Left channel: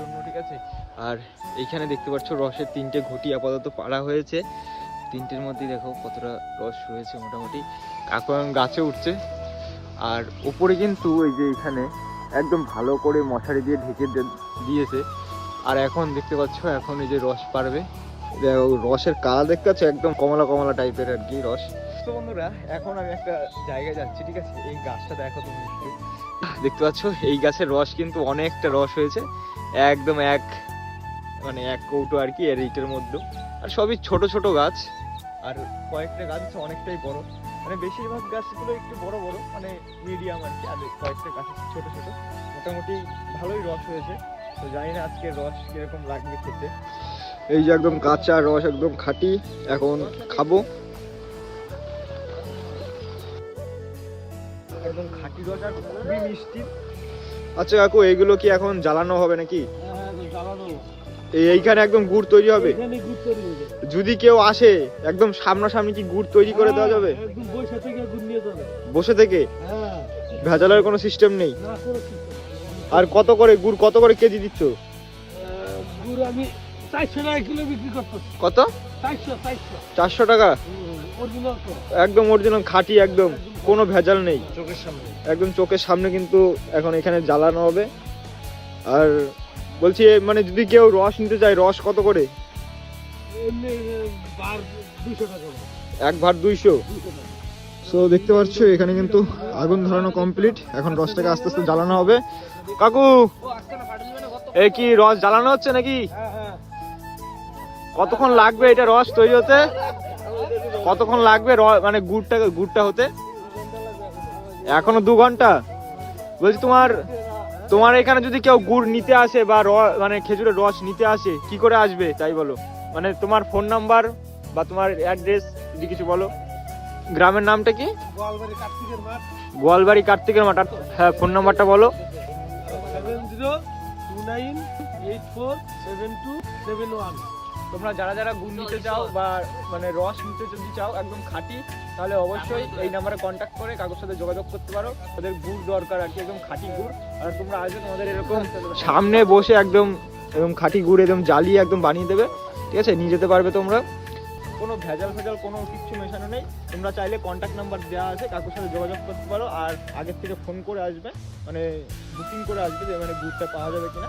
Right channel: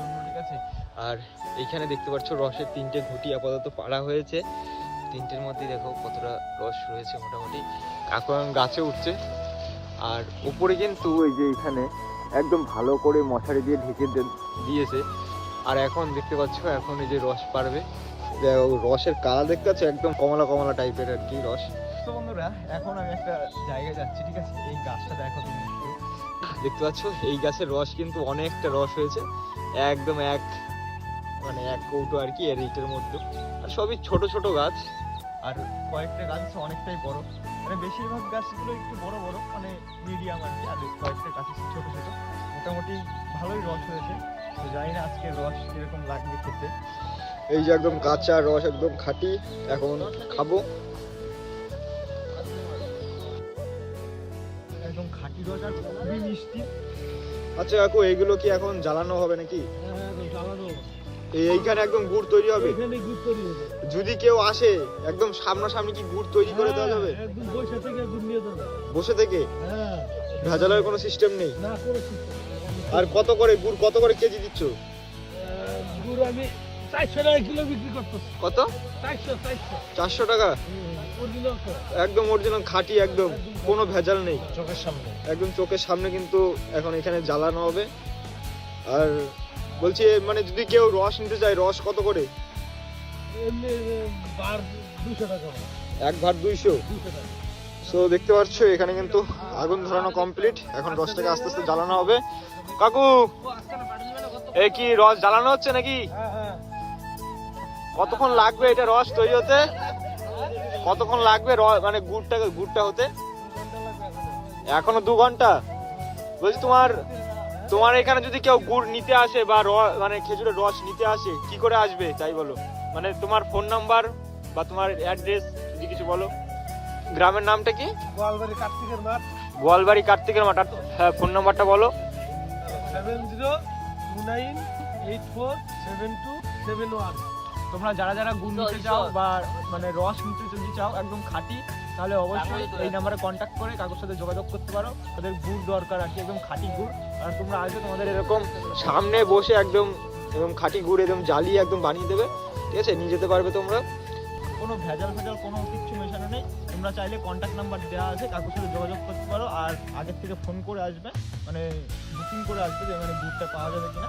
জন্য, ঠিক আছে। আর এইখানে দেখতে পাচ্ছ রসের 3টে ঘটি আপাতত পাড়া হয়েছে। 3টের মধ্যেই দেখো কতটা রস রয়েছে মোটামুটি। এখন গাছে উঠছে। আর উপরে কিন্তু ওই যে এখানে একদম ভালো করে মশারি দিয়ে ঢেকে দিয়েছে। আর এখন দেখতে পাচ্ছ এখন এই যে রস পারবে, রসের কালার দেখতে পাচ্ছ একদম কমলা কমলা টাইপের আর কি রস। তো বন্ধুরা এখন আমি একটা জায়গায় যাচ্ছি, ঠিক আছে। এই গাছটা দেখো তুমি দেখতে পাচ্ছ, এই গাছের রস কিন্তু অনেকটা রস হয়েছে, একদম এক কৌটো আর কি এর ইটের মধ্যে। আর সবই ছোট ছোট গাছ, আর কয়েকটা গাছ অনেকটাই বড়, মানে বেশিরভাগ গাছগুলো একটু বড় বড়, মানে মিডিয়াম আর কি। আর কয়েকটা গাছ ছোট ছোট, মোটামুটি ভালোই রস হয়েছে। তো জানি না আজকে রস কিরকম লাগবে খেতে। এই যে একদম কাঁচা রস, একদম খাঁটি, এখন খাবো। একদম খাঁটি রস আর খুবই মিষ্টি। আচ্ছা কাকু, এইগুলো কি এখন জ্বালানো হবে নাকি? এইখানে একদম গুড় তৈরি হবে? যদি কেউ আসে একদম সামনাসামনি কি গুড় তৈরি করে দেওয়া যাবে? বসে থেকে? ভেজালের কোনো সিস্টেম নেই? আর কত করে গুড়, কত করে কেজি দিচ্ছ? গুড় আমি 400 টাকা কিলো বিক্রি করতেছি। কত? 400 টাকা? একদম অরিজিনাল খাঁটি, একদম কোনো ভেজাল নেই, চোখের সামনে, একদম চোখের সামনে কিন্তু এখন এখানে জ্বালানো হবে। আর বলছি মানে যদি কেউ রস নিতে চায়, রস কত করে? এক ভার 200। সো দেখতে পাচ্ছ এখানে কিন্তু আগুন ধরানো কমপ্লিট, এখন রসটাকে আস্তে আস্তে জ্বালানো হবে। কাকু, এ কি রস জ্বালানো হচ্ছে নাকি? কতক্ষণ লাগবে এটা রস তৈরি হতে? কতক্ষণ লাগবে মানে গুড়টা হতে? এখনো 2 ঘন্টা? বলছি তোমার এখানে যদি কেউ গুড় নিতে আসে বা মানে খেজুরের রস নিতে আসে, কি করে আসবে তাই বলো? মানে তোমার ফোন নাম্বার বা তোমার অ্যাড্রেস যদি কিছু বলো। গ্রামের নামটা কি? গোয়ালবাড়ি কার্তিকের মাঠ। হ্যাঁ, ফোন নাম্বারটা বলো। 7029847271। তোমরা যারা যারা গুড় নিতে চাও বা মানে রস নিতে যদি চাও একদম খাঁটি, তাহলে অবশ্যই এই নাম্বারে কন্ট্যাক্ট করে কাকুর সাথে যোগাযোগ করতে পারো। তাদের গুড় দরকার আর কি, একদম খাঁটি গুড়। আর তোমরা আসবে, তোমাদের এরকম সামনে বসে একদম খাঁটি গুড় একদম জ্বালিয়ে একদম বানিয়ে দেবে, ঠিক আছে। নিয়ে যেতে পারবে তোমরা, কোনো ভেজাল কোনো কিছু মেশানো নেই। তোমরা চাইলে কন্ট্যাক্ট নাম্বার দেওয়া আছে, কাকুর সাথে যোগাযোগ করতে পারো। আর আগের থেকে ফোন করে আসবে, মানে বুকিং করে আসবে যে মানে গুড়টা পাওয়া যাবে কিনা।